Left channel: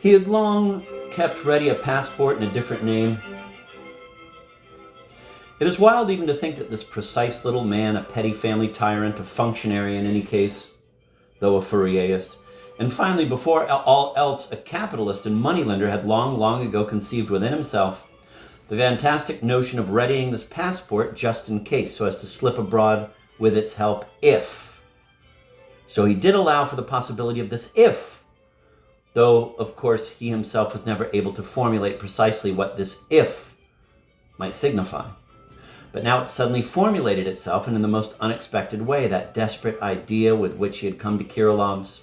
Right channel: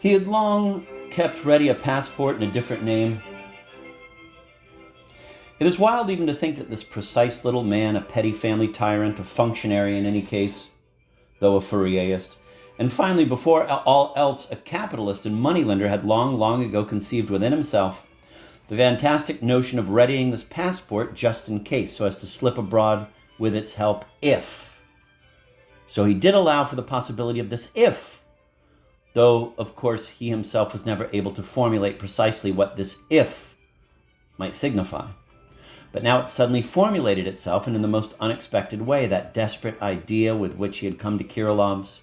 He had long kept ready a passport in a different name. It is wild even to think that this precise little man, a petty family tyrant, a functionary in any case, though a Fourierist, and finally, before all else, a capitalist and moneylender, had long ago conceived within himself the fantastic notion of readying this passport just in case, so as to slip abroad with its help if. So he did allow for the possibility of this if, though, of course, he himself was never able to formulate precisely what this if might signify. But now it suddenly formulated itself, and in the most unexpected way, that desperate idea with which he had come to Kirilov's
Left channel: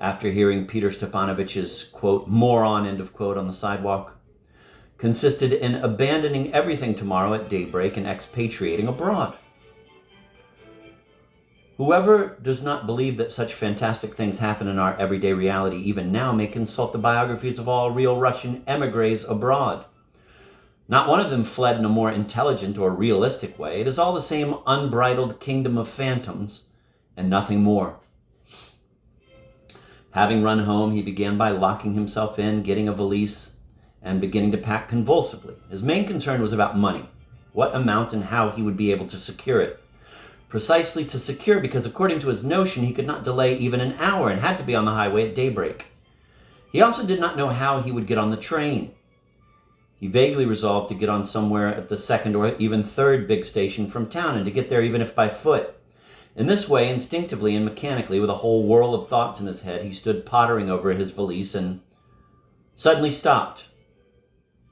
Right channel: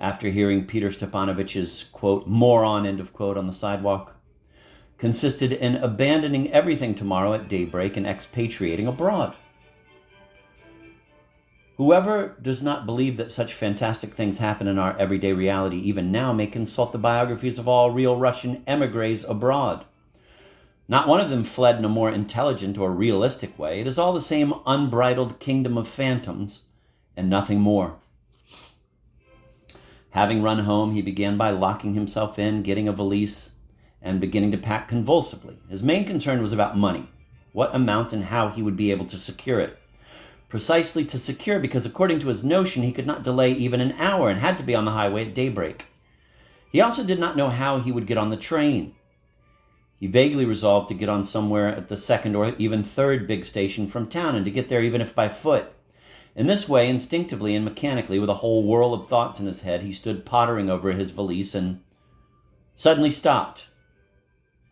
after hearing Peter Stepanovich's, quote, moron, end of quote, on the sidewalk, consisted in abandoning everything tomorrow at daybreak and expatriating abroad. Whoever does not believe that such fantastic things happen in our everyday reality even now may consult the biographies of all real Russian émigrés abroad. Not one of them fled in a more intelligent or realistic way. It is all the same unbridled kingdom of phantoms and nothing more. Having run home, he began by locking himself in, getting a valise, and beginning to pack convulsively. His main concern was about money, what amount and how he would be able to secure it. Precisely to secure, because according to his notion, he could not delay even an hour and had to be on the highway at daybreak. He also did not know how he would get on the train. He vaguely resolved to get on somewhere at the second or even third big station from town and to get there even if by foot. In this way, instinctively and mechanically, with a whole whirl of thoughts in his head, he stood pottering over his valise and suddenly stopped,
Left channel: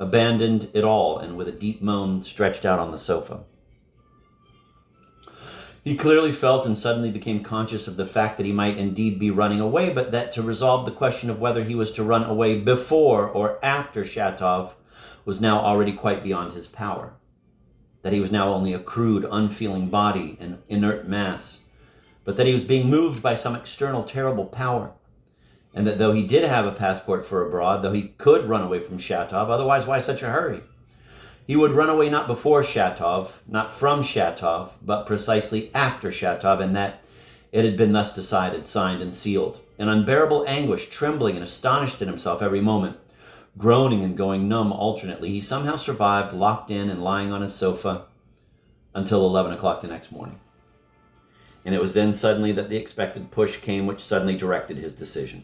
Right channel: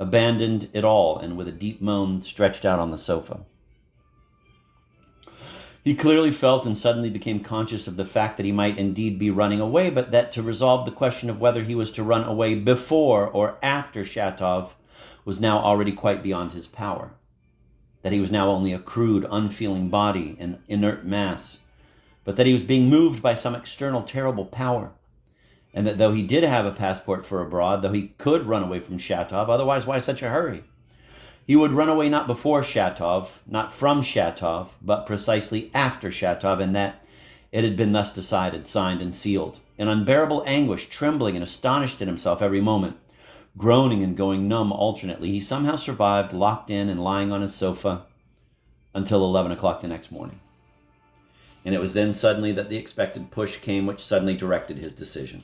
abandoned it all, and with a deep moan stretched out on the sofa. He clearly felt and suddenly became conscious of the fact that he might indeed be running away, but that to resolve the question of whether he was to run away before or after Shatov was now already quite beyond his power. That he was now only a crude, unfeeling body, an inert mass, but that he was being moved by some external terrible power, and that though he did have a passport for abroad, though he could run away from Shatov, otherwise why such a hurry? He would run away not before Shatov, not from Shatov, but precisely after Shatov, and that it had been thus decided, signed, and sealed. In unbearable anguish, trembling and astonished at himself every moment, groaning and going numb alternately, he somehow survived, locked in and lying on his sofa, until 11 o'clock the next morning. And it was then suddenly that the expected push came, which suddenly directed his decision.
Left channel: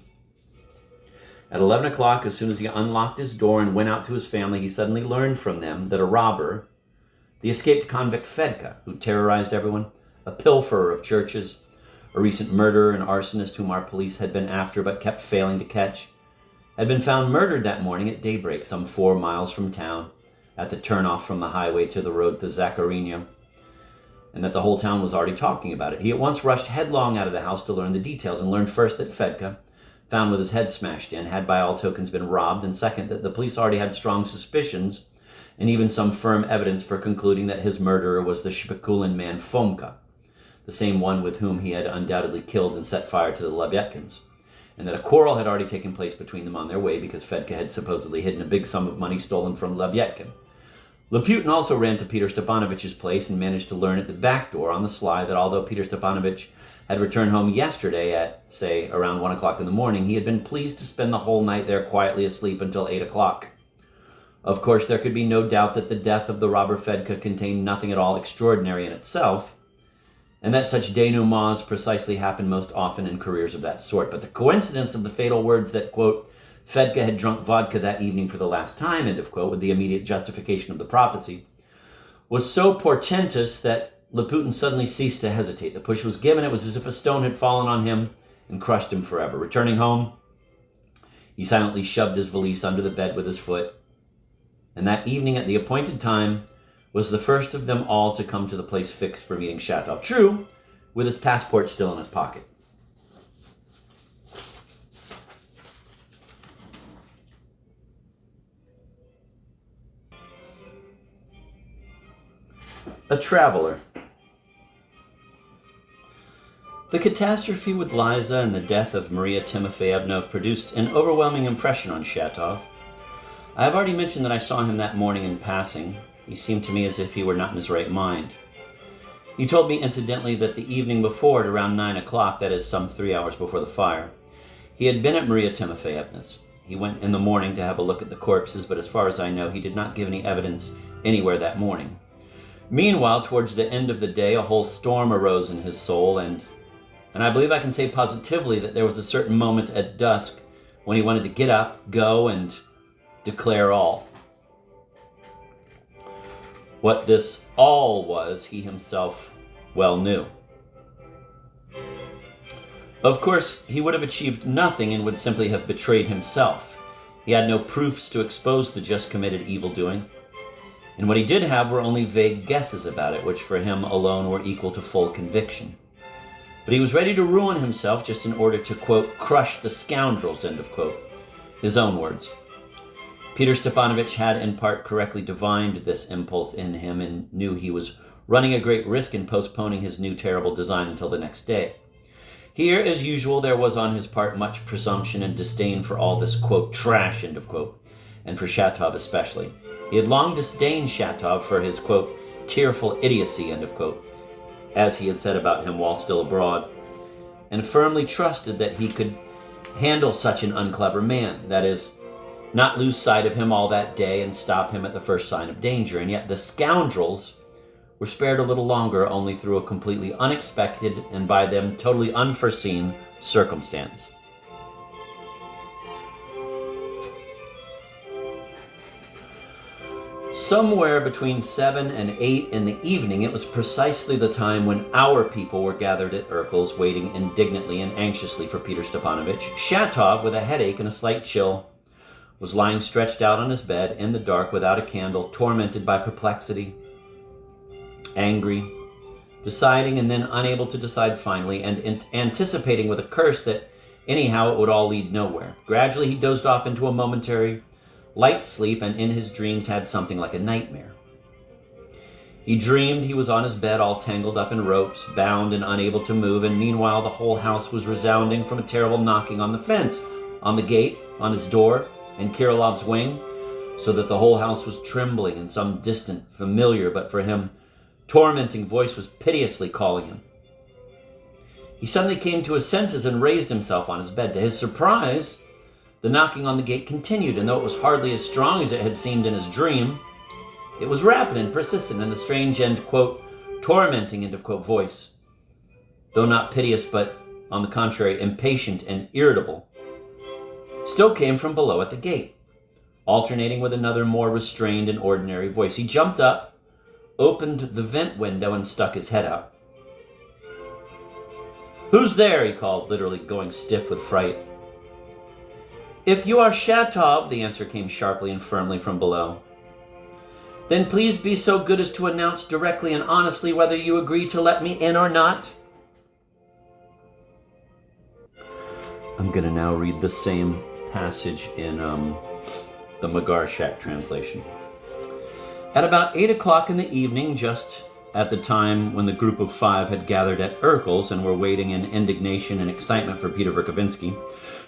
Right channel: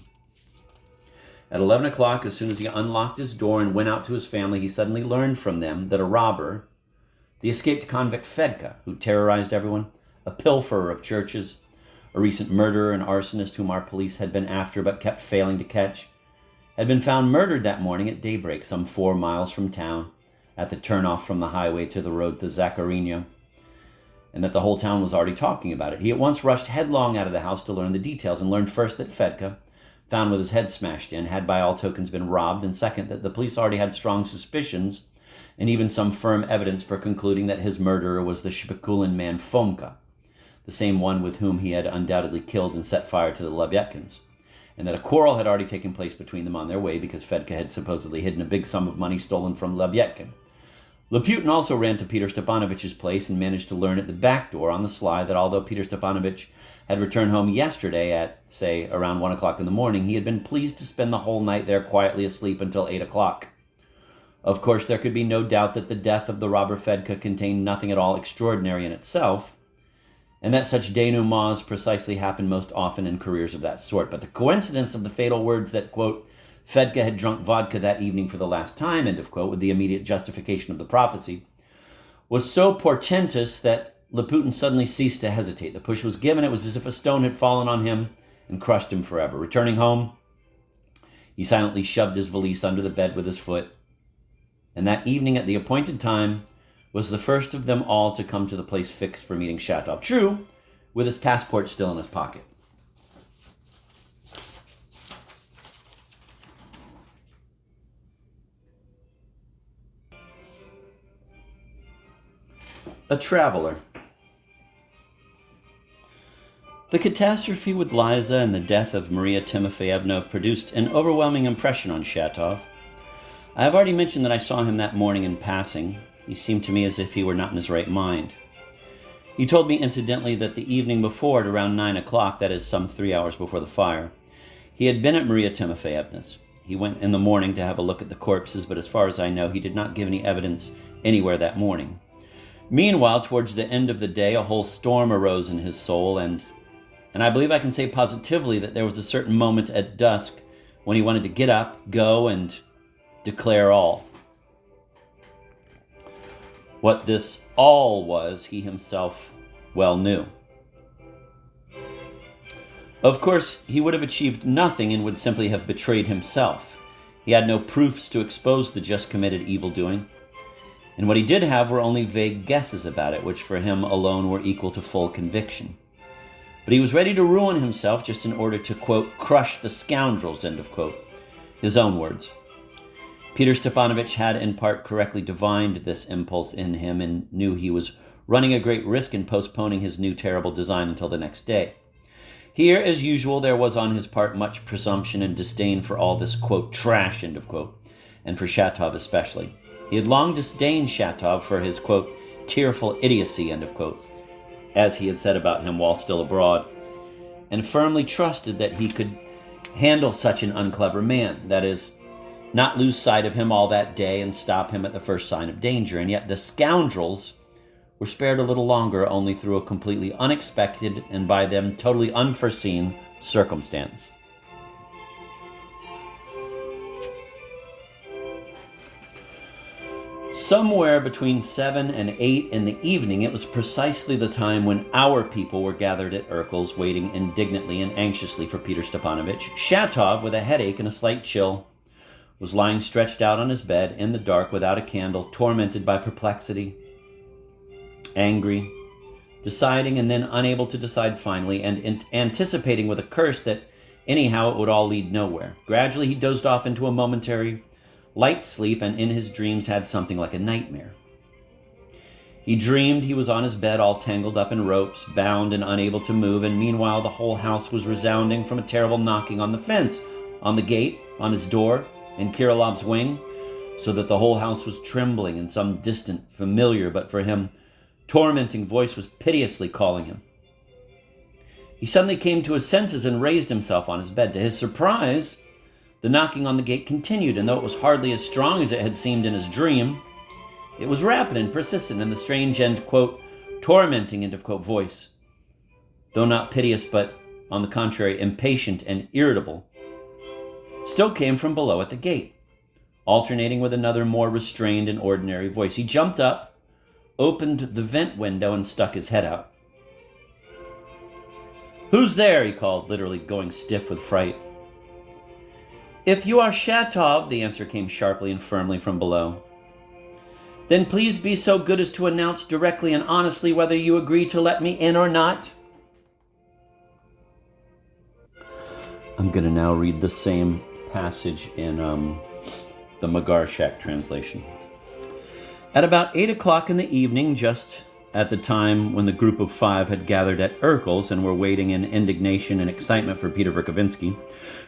At 11 o'clock, as soon as he unlocked his door and went out to his family, he suddenly learned from them that a robber, the escaped convict Fedka, who terrorized everyone, a pilferer of churches, a recent murderer and arsonist whom our police had been after but kept failing to catch, had been found murdered that morning at daybreak, some 4 miles from town, at the turnoff from the highway to the road to Zakharino, and that the whole town was already talking about it. He at once rushed headlong out of the house to learn the details, and learned first that Fedka, found with his head smashed in, had by all tokens been robbed, and second, that the police already had strong suspicions and even some firm evidence for concluding that his murderer was the Shpikulin man Fomka, the same one with whom he had undoubtedly killed and set fire to the Lebyatkins, and that a quarrel had already taken place between them on their way because Fedka had supposedly hidden a big sum of money stolen from Lebyatkin. Laputin also ran to Peter Stepanovich's place and managed to learn at the back door on the sly that although Peter Stepanovich had returned home yesterday at, say, around 1 o'clock in the morning, he had been pleased to spend the whole night there quietly asleep until 8 o'clock. Of course, there could be no doubt that the death of the robber Fedka contained nothing at all extraordinary in itself, and that such denouements precisely happen most often in careers of that sort. But the coincidence of the fatal words that, quote, Fedka had drunk vodka that evening for the last time, end of quote, with the immediate justification of the prophecy, was so portentous that Laputin suddenly ceased to hesitate. The push was given. It was as if a stone had fallen on him and crushed him forever. Returning home, he silently shoved his valise under the bed with his foot, and that evening at the appointed time was the first of them all to come to the place fixed for meeting Shatov. True, with his passport still in his pocket. A traveler. The catastrophe with Liza and the death of Maria Timofeyevna produced an overwhelming impression on Shatov. I have already mentioned that I saw him that morning in passing. He seemed to me as if he were not in his right mind. He told me incidentally that the evening before, at around 9 o'clock, that is some 3 hours before the fire, he had been at Maria Timofeyevna's. He went in the morning to have a look at the corpses, but as far as I know, he did not give any evidence anywhere that morning. Meanwhile, towards the end of the day, a whole storm arose in his soul, and I believe I can say positively that there was a certain moment at dusk when he wanted to get up, go, and declare all. What this all was, he himself well knew. Of course, he would have achieved nothing and would simply have betrayed himself. He had no proofs to expose the just committed evildoing, and what he did have were only vague guesses about it, which for him alone were equal to full conviction. But he was ready to ruin himself just in order to, quote, crush the scoundrels, end of quote. His own words. Peter Stepanovich had in part correctly divined this impulse in him and knew he was running a great risk in postponing his new terrible design until the next day. Here, as usual, there was on his part much presumption and disdain for all this, quote, trash, end of quote, and for Shatov especially. He had long disdained Shatov for his, quote, tearful idiocy, end of quote, as he had said about him while still abroad, and firmly trusted that he could handle such an unclever man, that is, not lose sight of him all that day and stop him at the first sign of danger. And yet the scoundrels were spared a little longer only through a completely unexpected and by them totally unforeseen circumstance. Somewhere between 7 and 8 in the evening, it was precisely the time when our people were gathered at Urkel's, waiting indignantly and anxiously for Peter Stepanovich. Shatov, with a headache and a slight chill, was lying stretched out on his bed in the dark without a candle, tormented by perplexity, angry, deciding and then unable to decide finally, and anticipating with a curse that anyhow it would all lead nowhere. Gradually he dozed off into a momentary light sleep, and in his dreams had something like a nightmare. He dreamed he was on his bed all tangled up in ropes, bound and unable to move, and meanwhile the whole house was resounding from a terrible knocking on the fence, on the gate, on his door, in Kirilov's wing, so that the whole house was trembling, and some distant, familiar, but for him, tormenting voice was piteously calling him. He suddenly came to his senses and raised himself on his bed. To his surprise, the knocking on the gate continued, and though it was hardly as strong as it had seemed in his dream, it was rapid and persistent, and the strange and, quote, tormenting, end of quote, voice, though not piteous, but, on the contrary, impatient and irritable, still came from below at the gate, alternating with another more restrained and ordinary voice. He jumped up, opened the vent window, and stuck his head out. "Who's there?" he called, literally going stiff with fright. "If you are Shatov," the answer came sharply and firmly from below, "then please be so good as to announce directly and honestly whether you agree to let me in or not." I'm going to now read the same passage in the Magarshak translation. At about 8 o'clock in the evening, just at the time when the group of 5 had gathered at Urkel's and were waiting in indignation and excitement for Peter Verkovensky,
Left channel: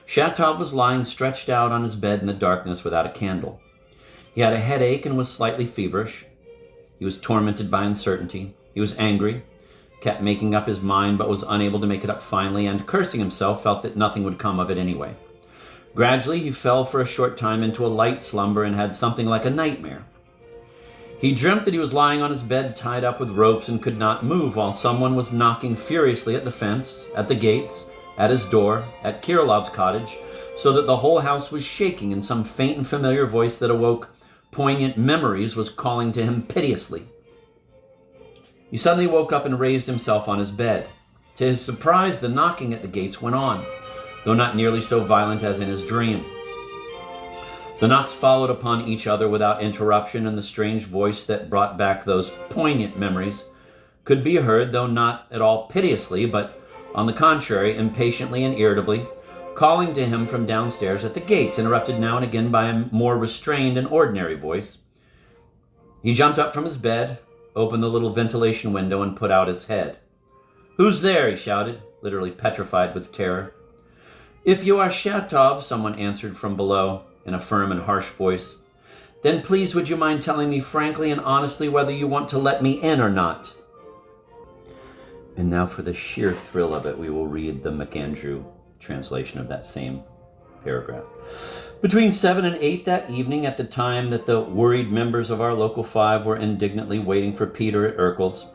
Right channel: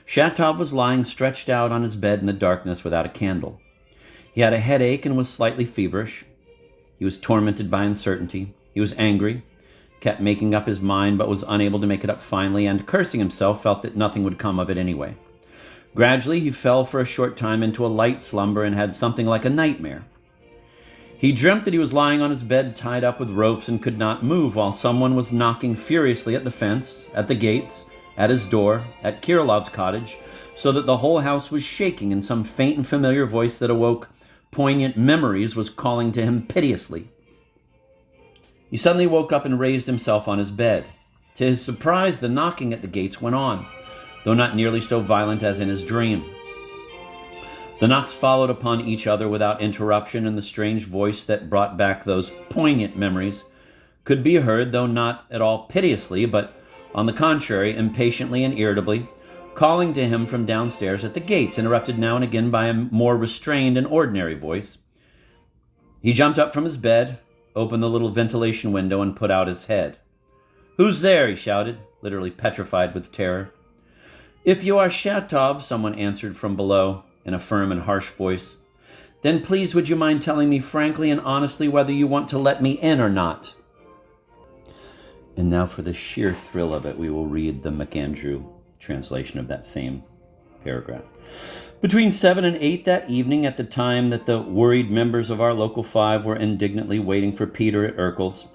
Shatov was lying stretched out on his bed in the darkness without a candle. He had a headache and was slightly feverish. He was tormented by uncertainty. He was angry, kept making up his mind but was unable to make it up finally, and cursing himself, felt that nothing would come of it anyway. Gradually, he fell for a short time into a light slumber and had something like a nightmare. He dreamt that he was lying on his bed tied up with ropes and could not move while someone was knocking furiously at the fence, at the gates, at his door, at Kirilov's cottage, so that the whole house was shaking, and some faint and familiar voice that awoke poignant memories was calling to him piteously. He suddenly woke up and raised himself on his bed. To his surprise, the knocking at the gates went on, though not nearly so violent as in his dream. The knocks followed upon each other without interruption, and the strange voice that brought back those poignant memories could be heard, though not at all piteously, but on the contrary, impatiently and irritably, calling to him from downstairs at the gates, interrupted now and again by a more restrained and ordinary voice. He jumped up from his bed, opened the little ventilation window, and put out his head. "Who's there?" he shouted, literally petrified with terror. "If you are Shatov," someone answered from below in a firm and harsh voice, "then please would you mind telling me frankly and honestly whether you want to let me in or not?" And now for the sheer thrill of it, we will read the MacAndrew translation of that same paragraph. Between 7 and 8 that evening, at the time that the worried members of our local 5 were indignantly waiting for Peter at Urkel's,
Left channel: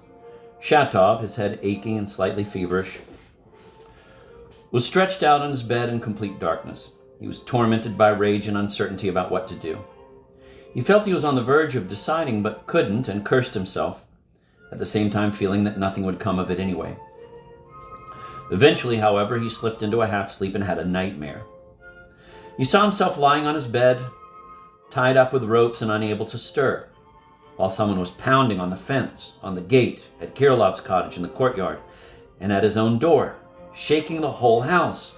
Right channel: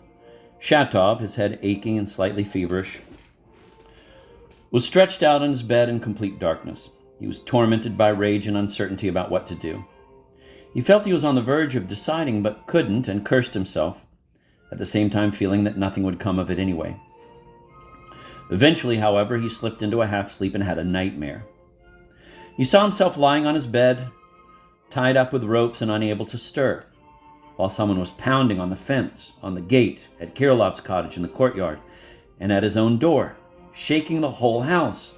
Shatov, his head aching and slightly feverish, was stretched out on his bed in complete darkness. He was tormented by rage and uncertainty about what to do. He felt he was on the verge of deciding, but couldn't, and cursed himself, at the same time feeling that nothing would come of it anyway. Eventually, however, he slipped into a half-sleep and had a nightmare. He saw himself lying on his bed, tied up with ropes and unable to stir, while someone was pounding on the fence, on the gate, at Kirilov's cottage in the courtyard, and at his own door, shaking the whole house,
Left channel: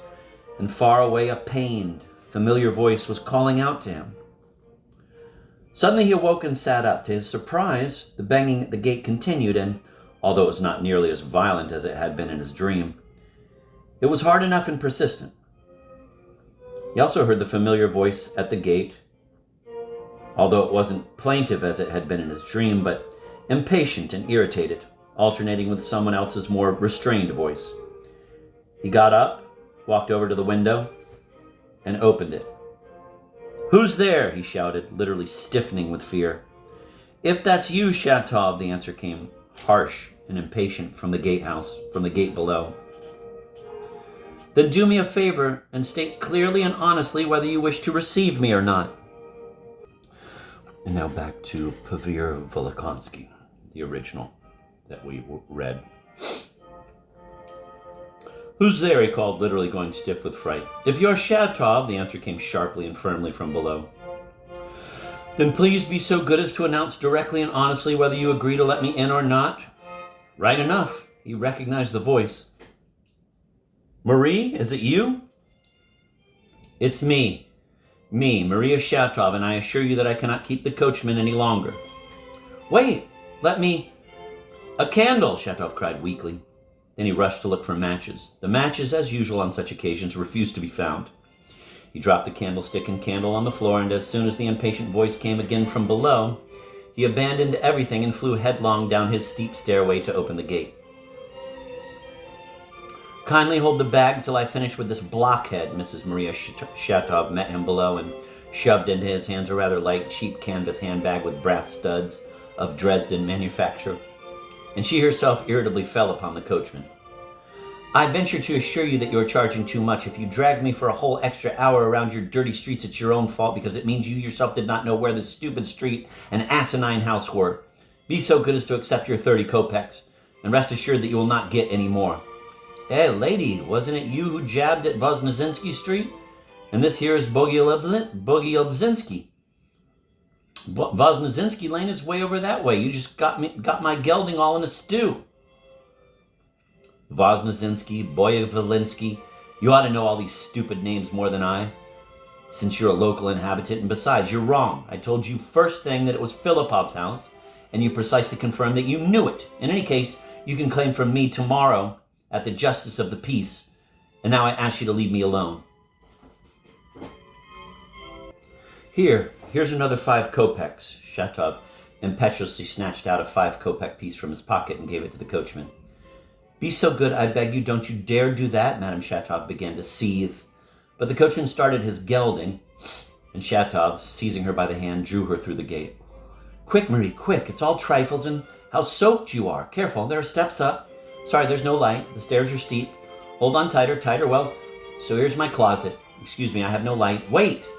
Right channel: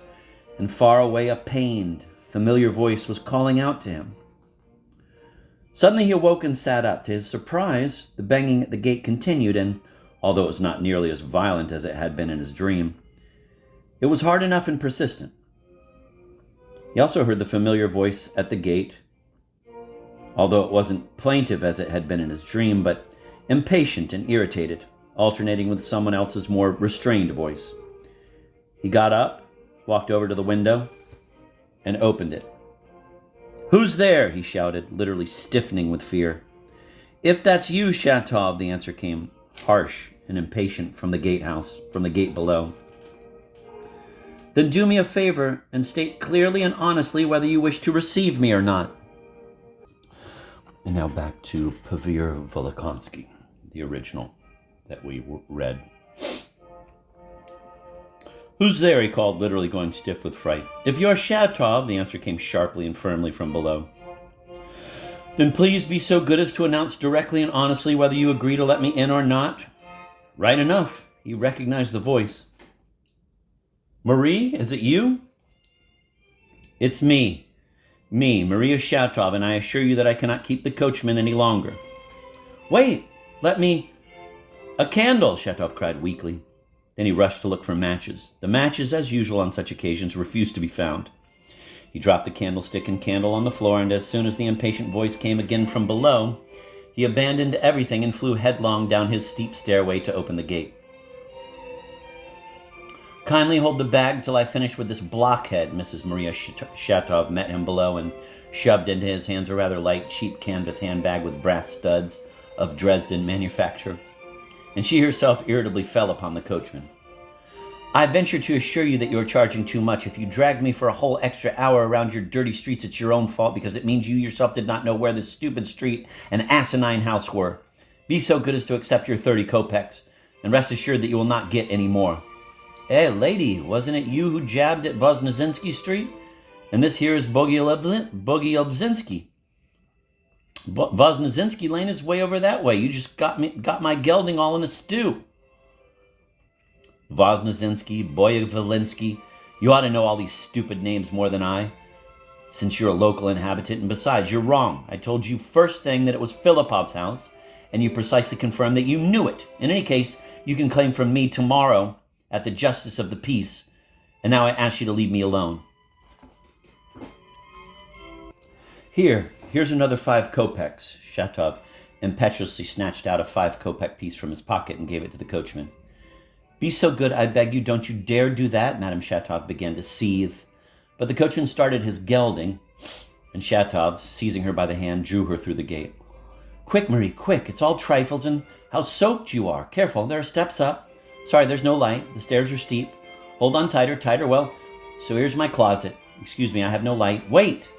and far away a pained, familiar voice was calling out to him. Suddenly he awoke and sat up. To his surprise, the banging at the gate continued, and although it was not nearly as violent as it had been in his dream, it was hard enough and persistent. He also heard the familiar voice at the gate, although it wasn't plaintive as it had been in his dream, but impatient and irritated, alternating with someone else's more restrained voice. He got up, walked over to the window, and opened it. "Who's there?" he shouted, literally stiffening with fear. "If that's you, Shatov," the answer came, harsh and impatient from the gatehouse, from the gate below. "Then do me a favor and state clearly and honestly whether you wish to receive me or not." And now back to Pavir Volokonsky, the original that we read. "Who's there?" he called, literally going stiff with fright. "If you're Shatov," the answer came sharply and firmly from below, "then please be so good as to announce directly and honestly whether you agree to let me in or not." Right enough, he recognized the voice. "Marie, is it you?" "It's me, Maria Shatov, and I assure you that I cannot keep the coachman any longer." "Wait, let me..." "A candle," Shatov cried weakly. Then he rushed to look for matches. The matches, as usual on such occasions, refused to be found. He dropped the candlestick and candle on the floor, and as soon as the impatient voice came again from below, he abandoned everything and flew headlong down his steep stairway to open the gate. "Kindly hold the bag till I finish with this blockhead." Mrs. Maria Shatov met him below and shoved into his hands a rather light, cheap canvas handbag with brass studs of Dresden manufacture, and she herself irritably fell upon the coachman. "I venture to assure you that you are charging too much. If you dragged me for a whole extra hour around your dirty streets, it's your own fault, because it means you yourself did not know where this stupid street and asinine house were. Be so good as to accept your 30 kopecks, and rest assured that you will not get any more." "Hey, lady, wasn't it you who jabbed at Voznesenski Street? And this here is Bogielbzinski. Voznesenski Lane is way over that way. You just got my gelding all in a stew." Voznesenski, Boyevolinsky, you ought to know all these stupid names more than I, since you're a local inhabitant, and besides, you're wrong. I told you first thing that it was Filipov's house, and you precisely confirmed that you knew it. In any case, you can claim from me tomorrow at the Justice of the Peace, and now I ask you to leave me alone. Here's another 5 kopecks. Shatov impetuously snatched out a 5-kopeck piece from his pocket and gave it to the coachman. "Be so good, I beg you, don't you dare do that." Madame Shatov began to seethe, but the coachman started his gelding, and Shatov, seizing her by the hand, drew her through the gate. "Quick, Marie, quick, it's all trifles, and how soaked you are. Careful, there are steps up. Sorry, there's no light. The stairs are steep. Hold on tighter. Well, so here's my closet. Excuse me, I have no light. Wait!"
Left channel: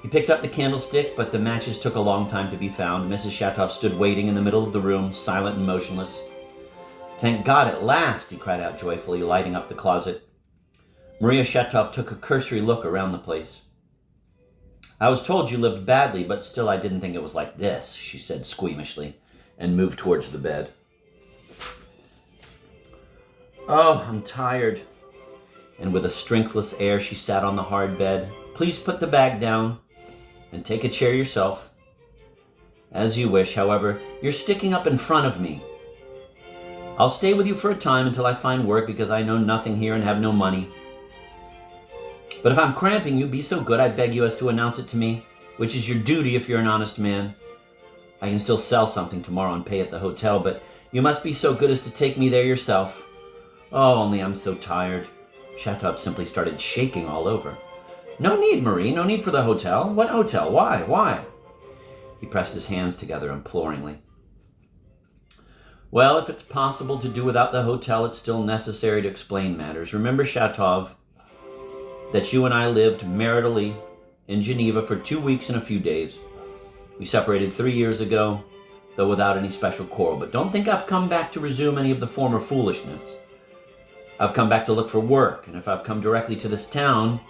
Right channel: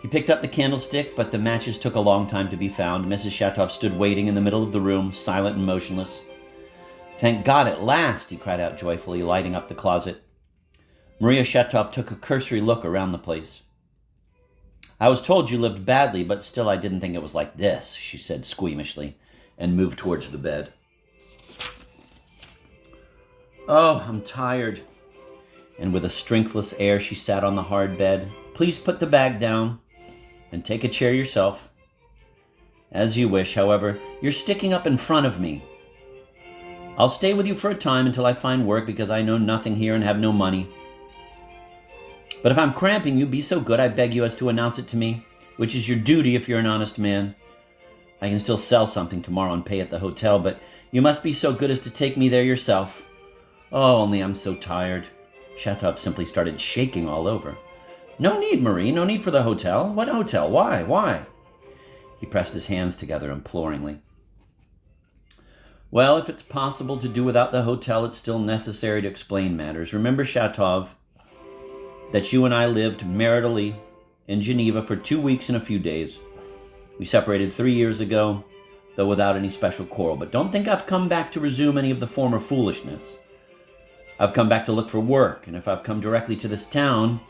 He picked up the candlestick, but the matches took a long time to be found. Mrs. Shatov stood waiting in the middle of the room, silent and motionless. "Thank God, at last!" he cried out joyfully, lighting up the closet. Maria Shatov took a cursory look around the place. "I was told you lived badly, but still I didn't think it was like this," she said squeamishly, and moved towards the bed. "Oh, I'm tired." And with a strengthless air, she sat on the hard bed. "Please put the bag down and take a chair yourself." "As you wish, however, you're sticking up in front of me." "I'll stay with you for a time until I find work, because I know nothing here and have no money. But if I'm cramping you, be so good, I beg you, as to announce it to me, which is your duty if you're an honest man. I can still sell something tomorrow and pay at the hotel, but you must be so good as to take me there yourself." "Oh, only I'm so tired." Shatov simply started shaking all over. No need, Marie, no need for the hotel. What hotel? Why? Why? He pressed his hands together imploringly. Well, if it's possible to do without the hotel, it's still necessary to explain matters. Remember, Shatov, that you and I lived maritally in Geneva for 2 weeks and a few days. We separated 3 years ago, though without any special quarrel. But don't think I've come back to resume any of the former foolishness. I've come back to look for work, and if I've come directly to this town,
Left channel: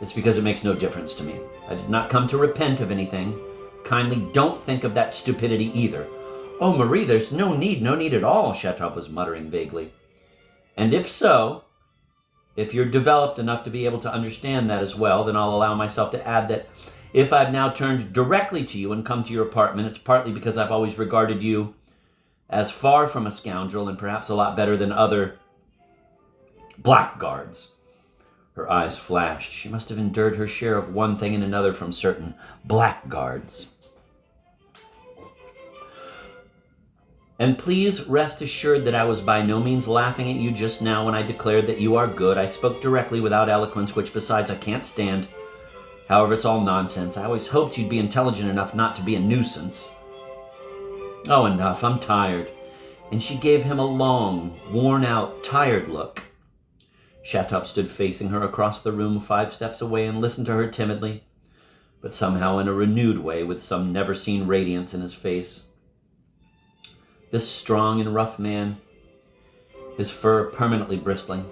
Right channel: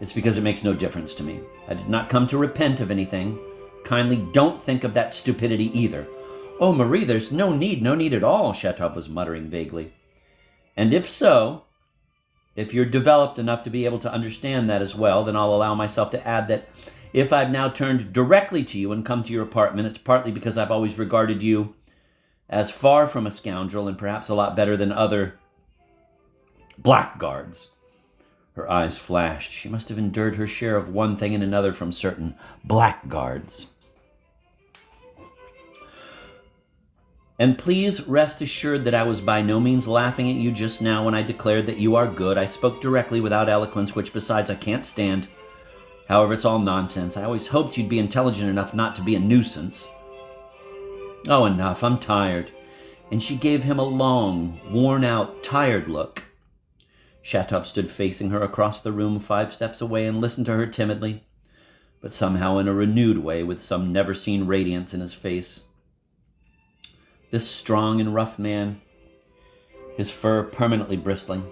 it's because it makes no difference to me. I did not come to repent of anything. Kindly don't think of that stupidity either. Oh, Marie, there's no need at all, Shatov was muttering vaguely. And if so, if you're developed enough to be able to understand that as well, then I'll allow myself to add that if I've now turned directly to you and come to your apartment, it's partly because I've always regarded you as far from a scoundrel and perhaps a lot better than other blackguards. Her eyes flashed. She must have endured her share of one thing and another from certain blackguards. And please rest assured that I was by no means laughing at you just now when I declared that you are good. I spoke directly without eloquence, which besides I can't stand. However, it's all nonsense. I always hoped you'd be intelligent enough not to be a nuisance. Oh, enough. I'm tired. And she gave him a long, worn-out, tired look. Shatov stood facing her across the room 5 steps away and listened to her timidly, but somehow in a renewed way with some never-seen radiance in his face. This strong and rough man, his fur permanently bristling,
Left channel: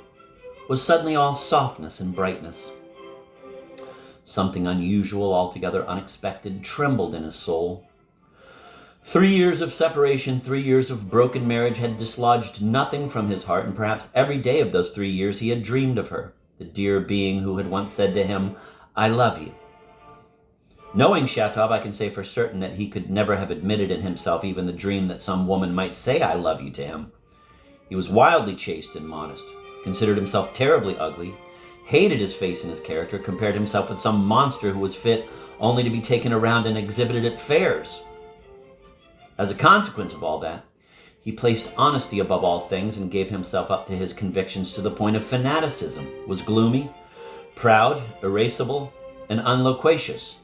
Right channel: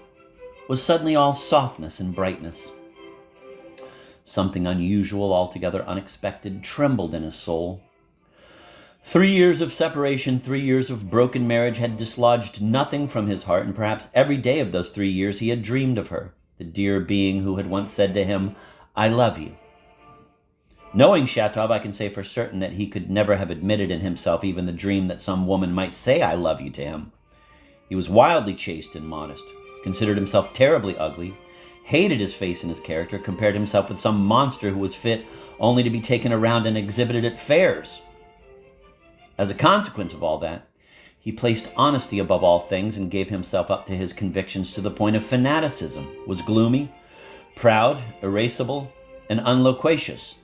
was suddenly all softness and brightness. Something unusual, altogether unexpected, trembled in his soul. 3 years of separation, 3 years of broken marriage had dislodged nothing from his heart, and perhaps every day of those 3 years he had dreamed of her, the dear being who had once said to him, "I love you." Knowing Shatov, I can say for certain that he could never have admitted in himself even the dream that some woman might say "I love you" to him. He was wildly chaste and modest, considered himself terribly ugly, hated his face and his character, compared himself with some monster who was fit only to be taken around and exhibited at fairs. As a consequence of all that, he placed honesty above all things and gave himself up to his convictions to the point of fanaticism, was gloomy, proud, irascible, and unloquacious.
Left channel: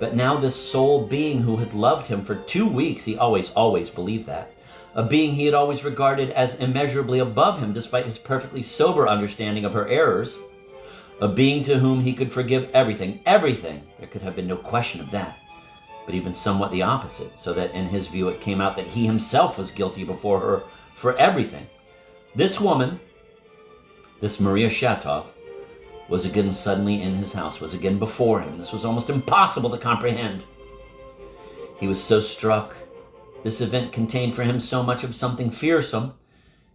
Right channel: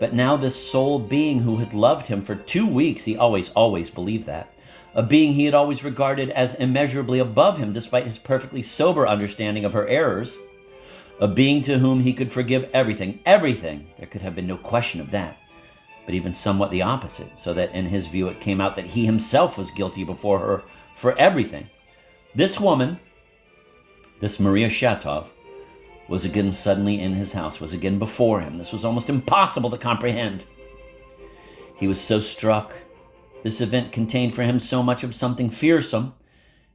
But now this sole being who had loved him for 2 weeks, he always believed that, a being he had always regarded as immeasurably above him despite his perfectly sober understanding of her errors, a being to whom he could forgive everything, there could have been no question of that, but even somewhat the opposite, so that in his view it came out that he himself was guilty before her for everything. This woman, this Maria Shatov, was again suddenly in his house, was again before him. This was almost impossible to comprehend. He was so struck. This event contained for him so much of something fearsome,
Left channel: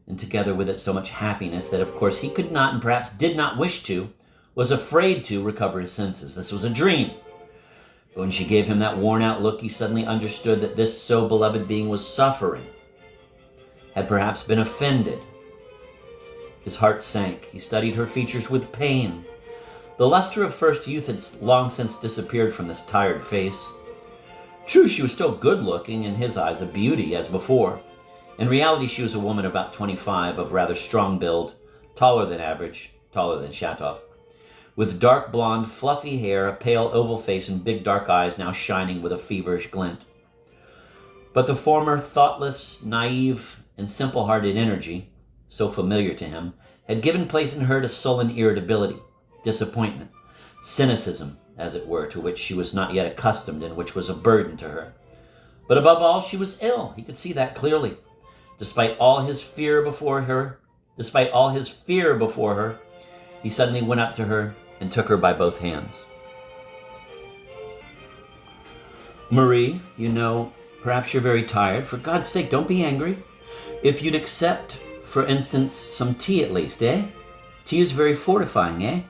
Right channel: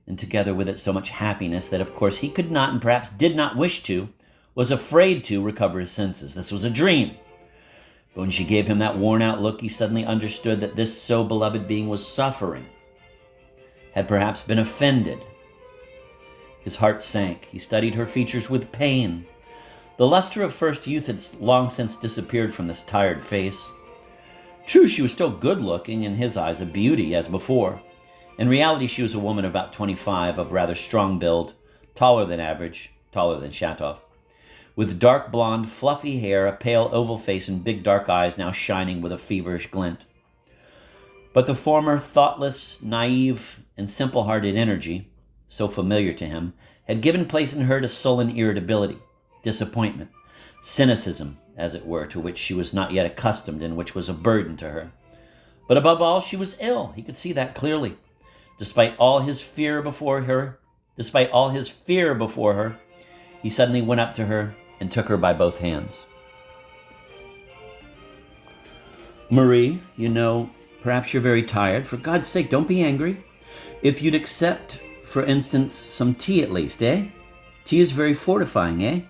and together with it so much happiness, that of course he could not, and perhaps did not wish to, was afraid to recover his senses. This was a dream. But when she gave him that worn-out look, he suddenly understood that this so beloved being was suffering, had perhaps been offended. His heart sank. He studied her features with pain. The luster of first youth had long since disappeared from this tired face. True, she was still good-looking, in his eyes a beauty, as before. In reality, she was a woman about 25, of rather strong build, taller than average, taller than Shatov, with dark blonde, fluffy hair, a pale oval face, and big dark eyes now shining with a feverish glint. But the former thoughtless, naive, and simple-hearted energy, so familiar to him, had given place in her to sullen irritability, disappointment, cynicism, as it were, to which she was not yet accustomed and which was a burden to her. But above all, she was ill. He could see that clearly. Despite all his fear before her, he suddenly went up to her and took her by both hands. "Marie, perhaps you're very tired. For God's sake, don't be angry. If you'd accept, for instance, some tea at least, eh? Tea is very fortifying, eh?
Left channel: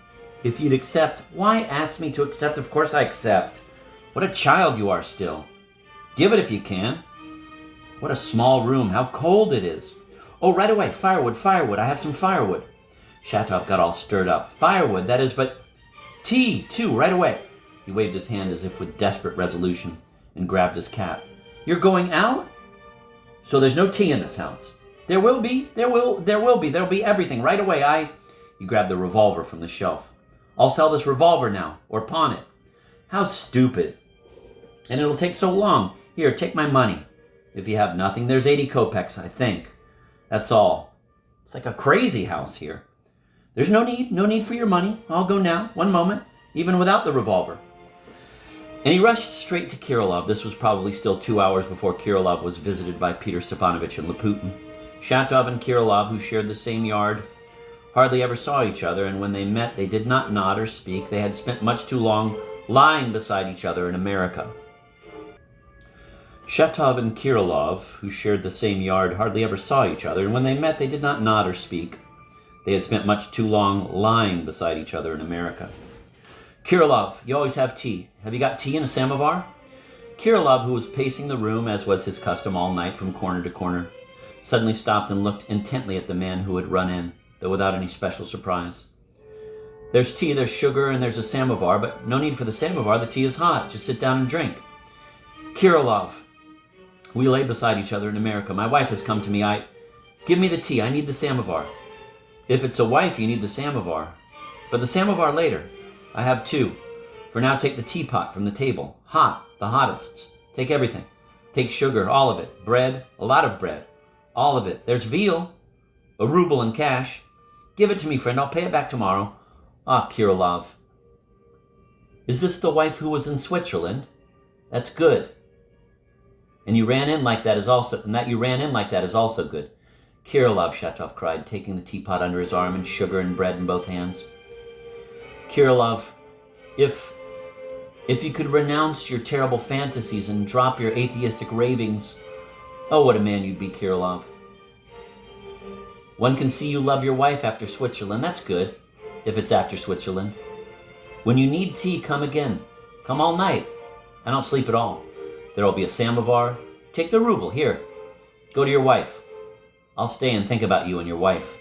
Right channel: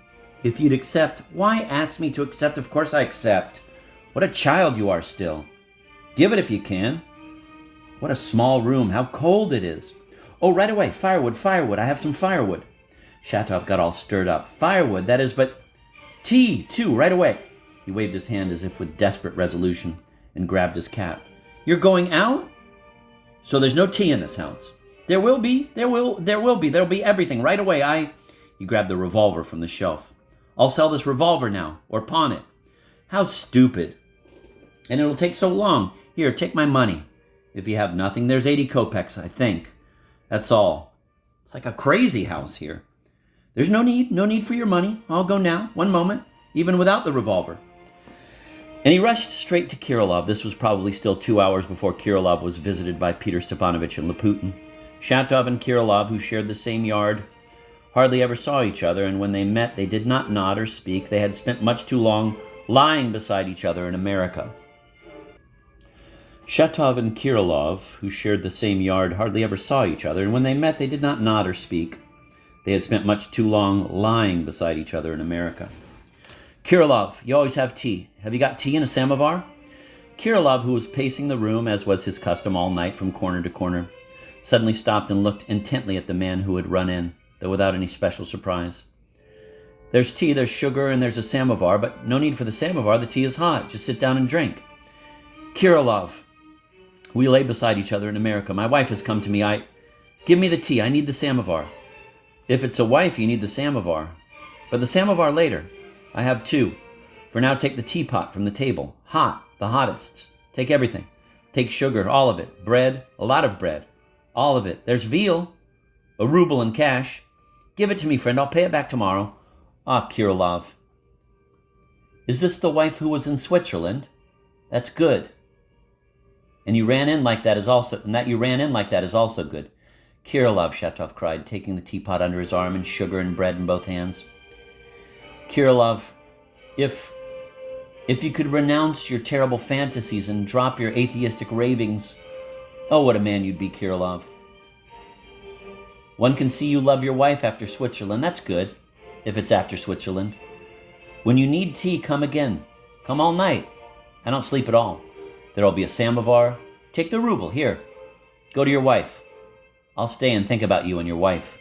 If you'd accept..." "Why ask me to accept? Of course I accept. What a child you are still. Give it if you can. What a small room. How cold it is. Oh, right away. Firewood. I have some firewood." Shatov got all stirred up. "Firewood, that is, but tea, too, right away." He waved his hand as if with desperate resolution and grabbed his cap. "You're going out? So there's no tea in this house?" There will be. There'll be everything right away. He grabbed the revolver from the shelf. I'll sell this revolver now, or pawn it. How stupid. And it'll take so long. Here, take my money. If you have nothing, there's 80 kopecks, I think. That's all. It's like a crazy house here. There's no need for your money. I'll go now, one moment, even without the revolver. And he rushed straight to Kirilov. This was probably still 2 hours before Kirilov was visited by Peter Stepanovich and Laputin. Shatov and Kirilov, who shared the same yard, hardly ever saw each other, and when they met, they did not nod or speak. They had spent much too long lying beside each other in America. Shatov and Kirilov, who shared the same yard, hardly ever saw each other, and when they met, they did not nod or speak. They had spent much too long lying beside each other in America. Kirilov, you always have tea. Have you got tea in a samovar? Kirilov, who was pacing the room, as was his custom all night from corner to corner, suddenly stopped and looked intently at the man who had run in, though without any special surprise. There's tea, there's sugar, and there's a samovar, but no need for the samovar. The tea is hot. Just sit down and drink. Kirilov, we lay beside each other in America. My wife has come to me. Give me the tea. I need the samovar. If it's a wife, you need the samovar. But the samovar later. I have two. For now, take the teapot from the table. Hot, the hottest. Take everything. Take sugar, all of it. Bread, a lot of bread. All of it. There's veal. A ruble in cash. Give it to me, friend. I'll pay it back tomorrow. Ah, Kirilov. Is this the wife who was in Switzerland? That's good. And you ran in like that is also good. Kirilov, Shatov cried, taking the teapot under his arm and sugar and bread in both hands. Kirilov, if you could renounce your terrible fantasies and drop your atheistic ravings, oh, what a man you'd be, Kirilov. One can see you love your wife after Switzerland. That's good, if it's after Switzerland. When you need tea, come again. Come all night. I don't sleep at all. There'll be a samovar. Take the ruble. Here. Go to your wife. I'll stay and think about you and your wife.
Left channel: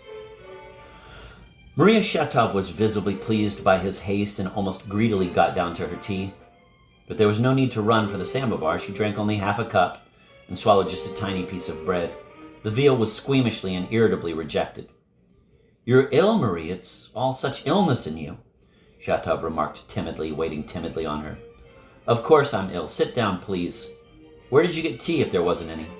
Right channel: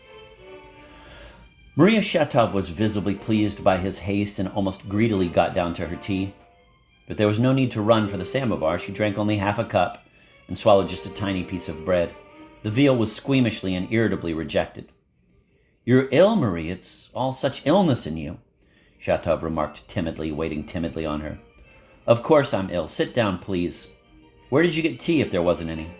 Maria Shatov was visibly pleased by his haste and almost greedily got down to her tea. But there was no need to run for the samovar. She drank only half a cup and swallowed just a tiny piece of bread. The veal was squeamishly and irritably rejected. You're ill, Marie. It's all such illness in you, Shatov remarked timidly, waiting timidly on her. Of course I'm ill. Sit down, please. Where did you get tea if there wasn't any?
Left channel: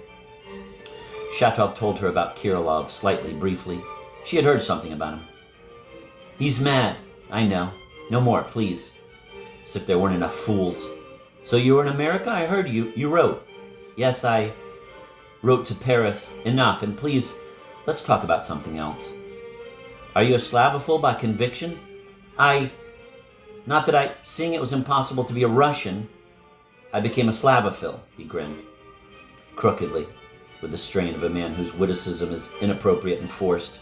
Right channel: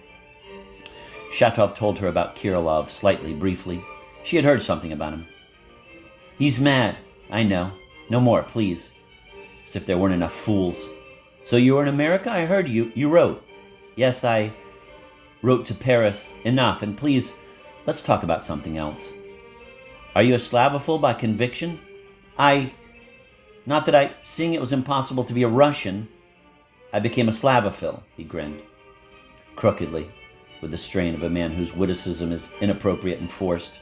Shatov told her about Kirilov slightly, briefly. She had heard something about him. He's mad. I know. No more, please. As if there weren't enough fools. So you were in America? I heard you wrote. Yes, I wrote to Paris. Enough, and please, let's talk about something else. Are you a Slavophil by conviction? Seeing it was impossible to be a Russian, I became a Slavophil, he grinned, crookedly, with the strain of a man whose witticism is inappropriate and forced.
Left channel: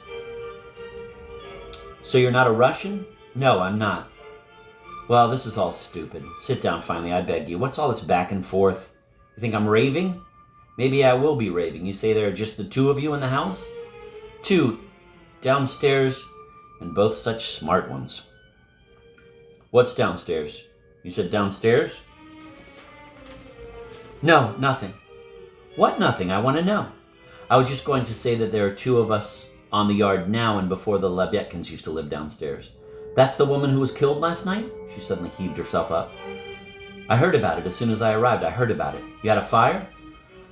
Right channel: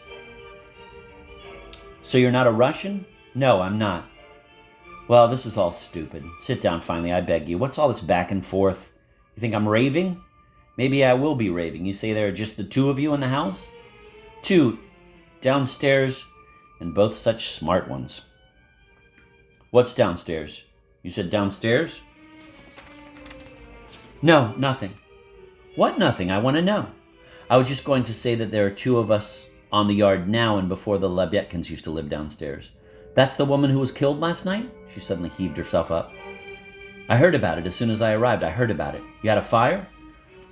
So you're not a Russian? No, I'm not. Well, this is all stupid. Sit down finally, I beg you. What's all this back and forth? You think I'm raving? Maybe I will be raving. You say there are just the two of you in the house? Two, downstairs, and both such smart ones. What's downstairs? You said downstairs? No, nothing. What nothing? I want to know. I was just going to say that there are two of us on the yard now and before the Lebyatkins used to live downstairs. That's the woman who was killed last night? She suddenly heaved herself up. I heard about it as soon as I arrived. I heard about it. You had a fire?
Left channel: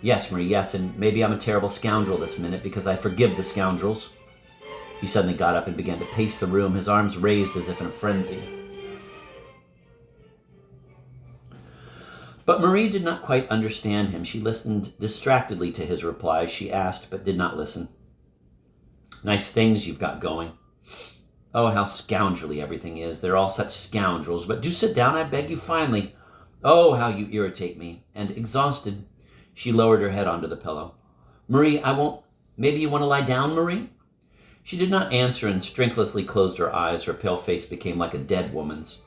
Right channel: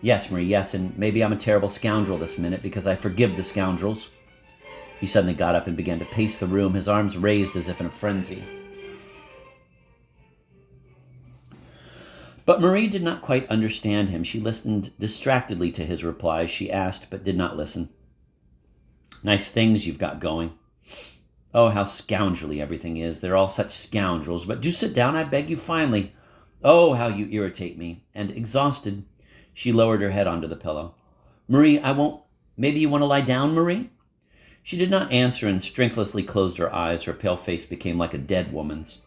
Yes, Marie, yes, and maybe I'm a terrible scoundrel this minute because I forgive the scoundrels. He suddenly got up and began to pace the room, his arms raised as if in a frenzy. But Marie did not quite understand him. She listened distractedly to his replies. She asked, but did not listen. Nice things you've got going. Oh, how scoundrelly everything is. They're all such scoundrels. But do sit down, I beg you, finally. Oh, how you irritate me. And exhausted, she lowered her head onto the pillow. Marie, I won't... Maybe you want to lie down, Marie? She did not answer and strengthlessly closed her eyes. Her pale face became like a dead woman's.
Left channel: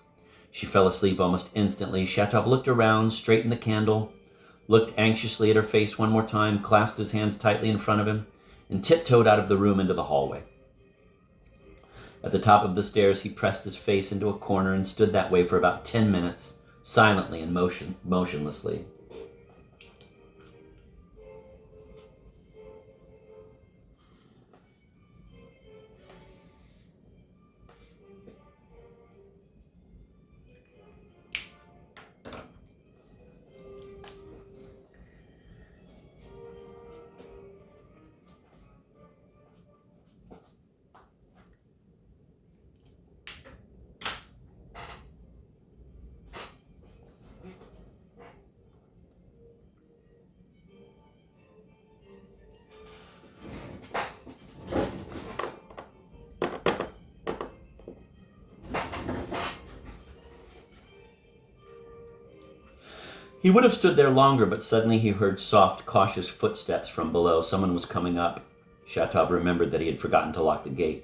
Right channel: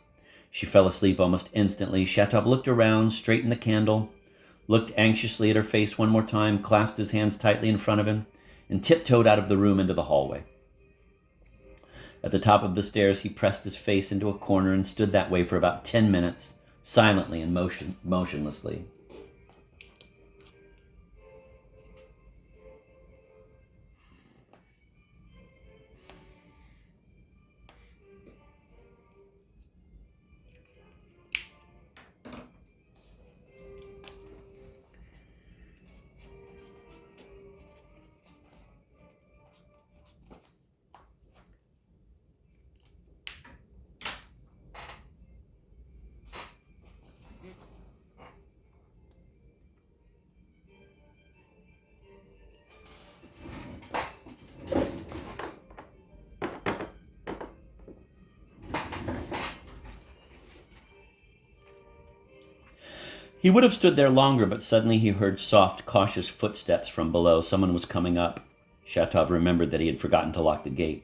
She fell asleep almost instantly. Shatov looked around, straightened the candle, looked anxiously at her face one more time, clasped his hands tightly in front of him, and tiptoed out of the room into the hallway. At the top of the stairs, he pressed his face into a corner and stood that way for about 10 minutes, silently and motionlessly. He would have stood there longer, but suddenly he heard soft, cautious footsteps from below. Someone was coming up. Shatov remembered that he had forgotten to lock the gate.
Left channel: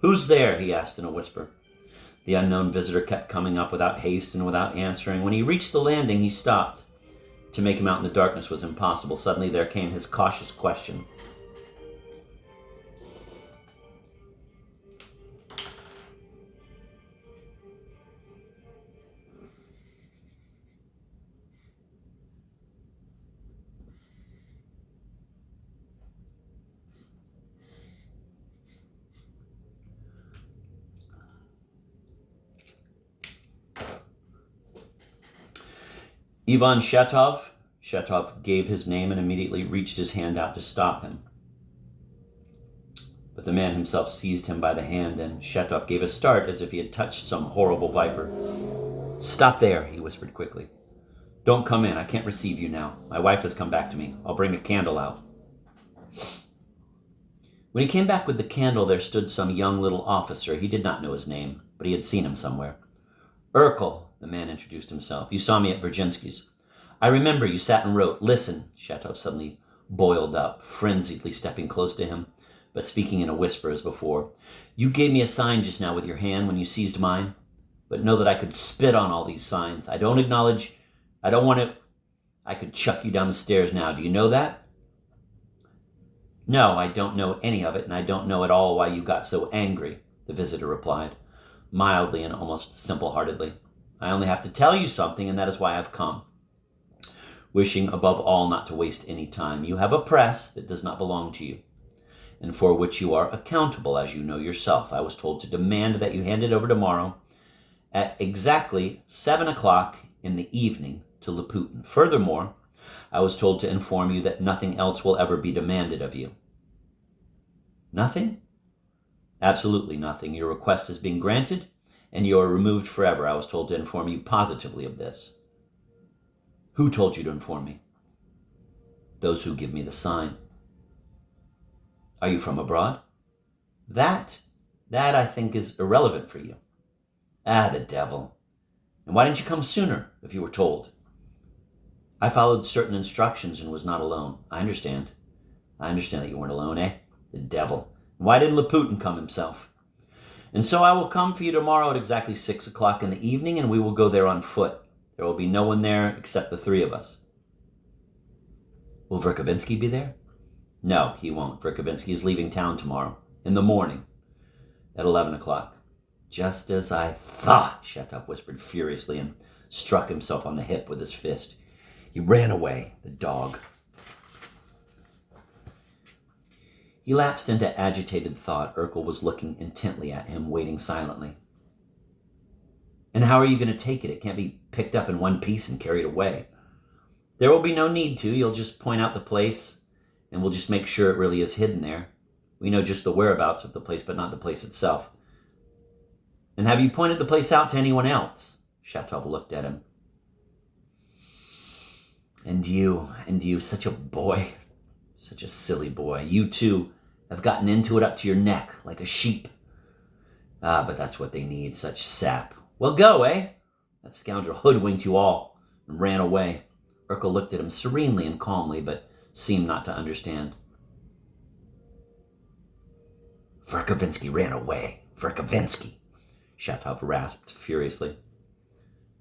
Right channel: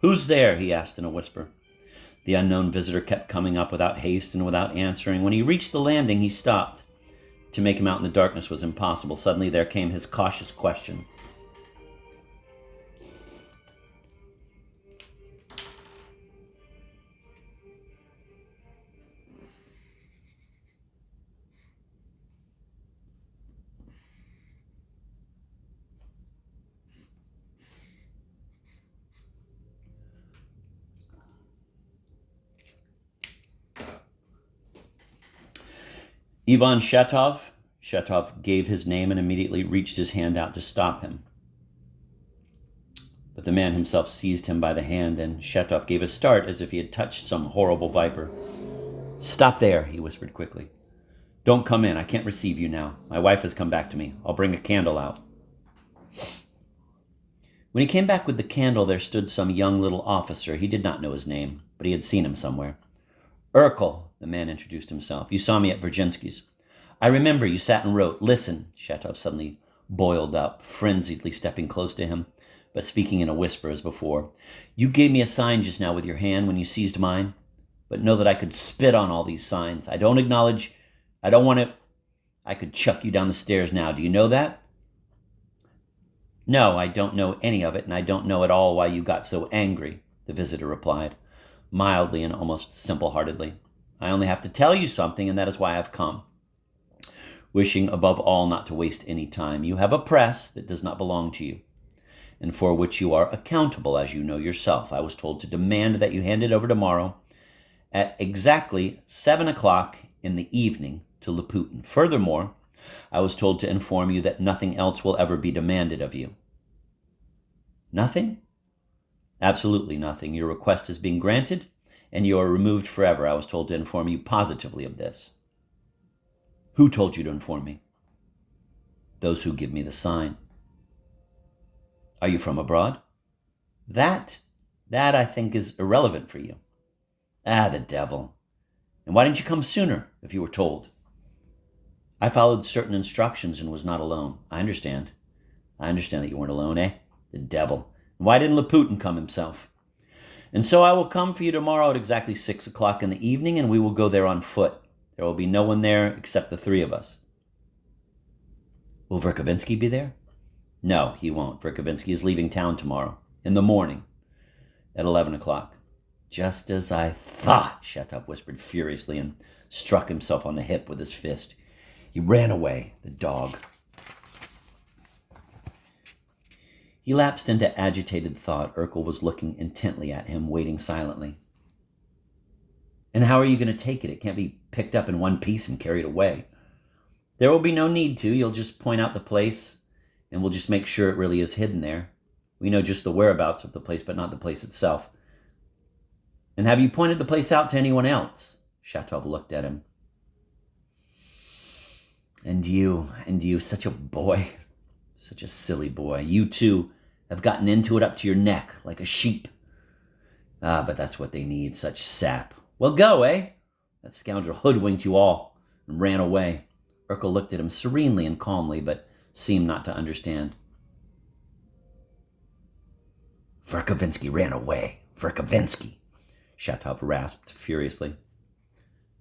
"Who's there?" he asked in a whisper. The unknown visitor kept coming up without haste and without answering. When he reached the landing, he stopped. To make him out in the darkness was impossible. Suddenly there came his cautious question. Ivan Shatov. Shatov gave his name and immediately reached his hand out to stop him. But the man himself seized him by the hand, and Shatov gave a start as if he had touched some horrible viper. "Stop there," he whispered quickly. "Don't come in. I can't receive you now. My wife has come back to me. I'll bring a candle out." When he came back with the candle, there stood some young little officer. He did not know his name, but he had seen him somewhere. "Urkel," the man introduced himself. "You saw me at Virginsky's. I remember you sat and wrote." "Listen," Shatov suddenly boiled up, frenziedly stepping close to him, but speaking in a whisper as before. "You gave me a sign just now with your hand when you seized mine, but know that I could spit on all these signs. I don't acknowledge, I don't want to, I could chuck you down the stairs now. Do you know that?" "No, I don't know any of it, and I don't know at all why you got so angry," the visitor replied, mildly and almost simple-heartedly. "I only have to tell you something, and that is why I've come. Wishing above all not to waste any time. You have a press that does not belong to you, and for which you are accountable, as you know yourself. I was told to demand that you hand it over tomorrow at exactly 7 o'clock in the evening to Laputin. Furthermore, I was told to inform you that nothing else will ever be demanded of you." "Nothing?" "Absolutely nothing. Your request has been granted, and you are removed forever. I was told to inform you positively of this." "Who told you to inform me?" "Those who give me the sign." "Are you from abroad?" That I think is irrelevant for you." "Ah, the devil. And why didn't you come sooner if you were told?" "I followed certain instructions and was not alone." I understand that you weren't alone, eh? The devil. And why didn't Laputin come himself?" "And so I will come for you tomorrow at exactly 6 o'clock in the evening, and we will go there on foot. There will be no one there except the three of us." "Will Verkovensky be there?" "No, he won't. Verkovensky is leaving town tomorrow, in the morning, at 11 o'clock. "Just as I thought," Shatov whispered furiously and struck himself on the hip with his fist. "He ran away, the dog." He lapsed into agitated thought. Urkel was looking intently at him, waiting silently. "And how are you going to take it? It can't be picked up in one piece and carried away." "There will be no need to. You'll just point out the place, and we'll just make sure it really is hidden there. We know just the whereabouts of the place, but not the place itself." "And have you pointed the place out to anyone else?" Shatov looked at him. And you, such a boy, such a silly boy. You, too, have gotten into it up to your neck, like a sheep. Ah, but that's what they need, such sap. Well, go, eh? That scoundrel hoodwinked you all and ran away." Urkel looked at him serenely and calmly, but seemed not to understand. "Verkovensky ran away. Verkovensky," Shatov rasped furiously.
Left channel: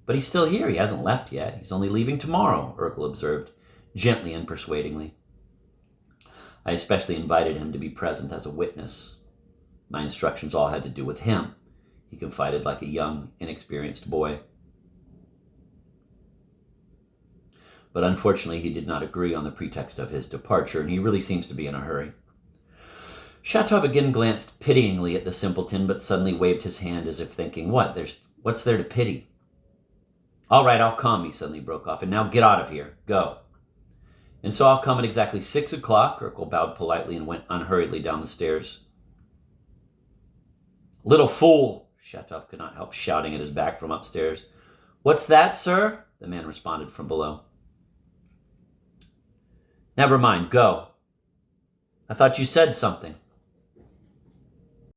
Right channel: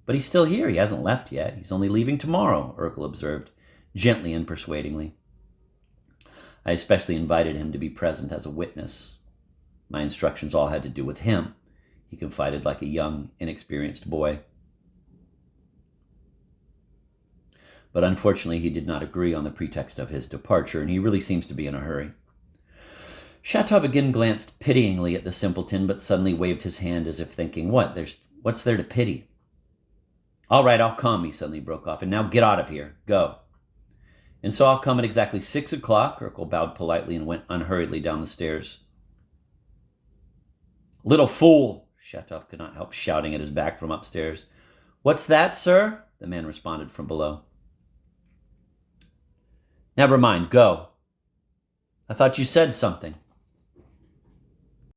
"But he's still here. He hasn't left yet. He's only leaving tomorrow," Urkel observed, gently and persuadingly. "I especially invited him to be present as a witness. My instructions all had to do with him," he confided like a young, inexperienced boy. But unfortunately, he did not agree on the pretext of his departure, and he really seems to be in a hurry. Shatov again glanced pityingly at the simpleton, but suddenly waved his hand as if thinking, what's there to pity? "All right, I'll come," he suddenly broke off. "And now get out of here. Go." "And so I'll come at exactly 6 o'clock. Urkel bowed politely and went unhurriedly down the stairs. "Little fool!" Shatov could not help shouting at his back from upstairs. "What's that, sir?" the man responded from below. "Never mind, go." "I thought you said something."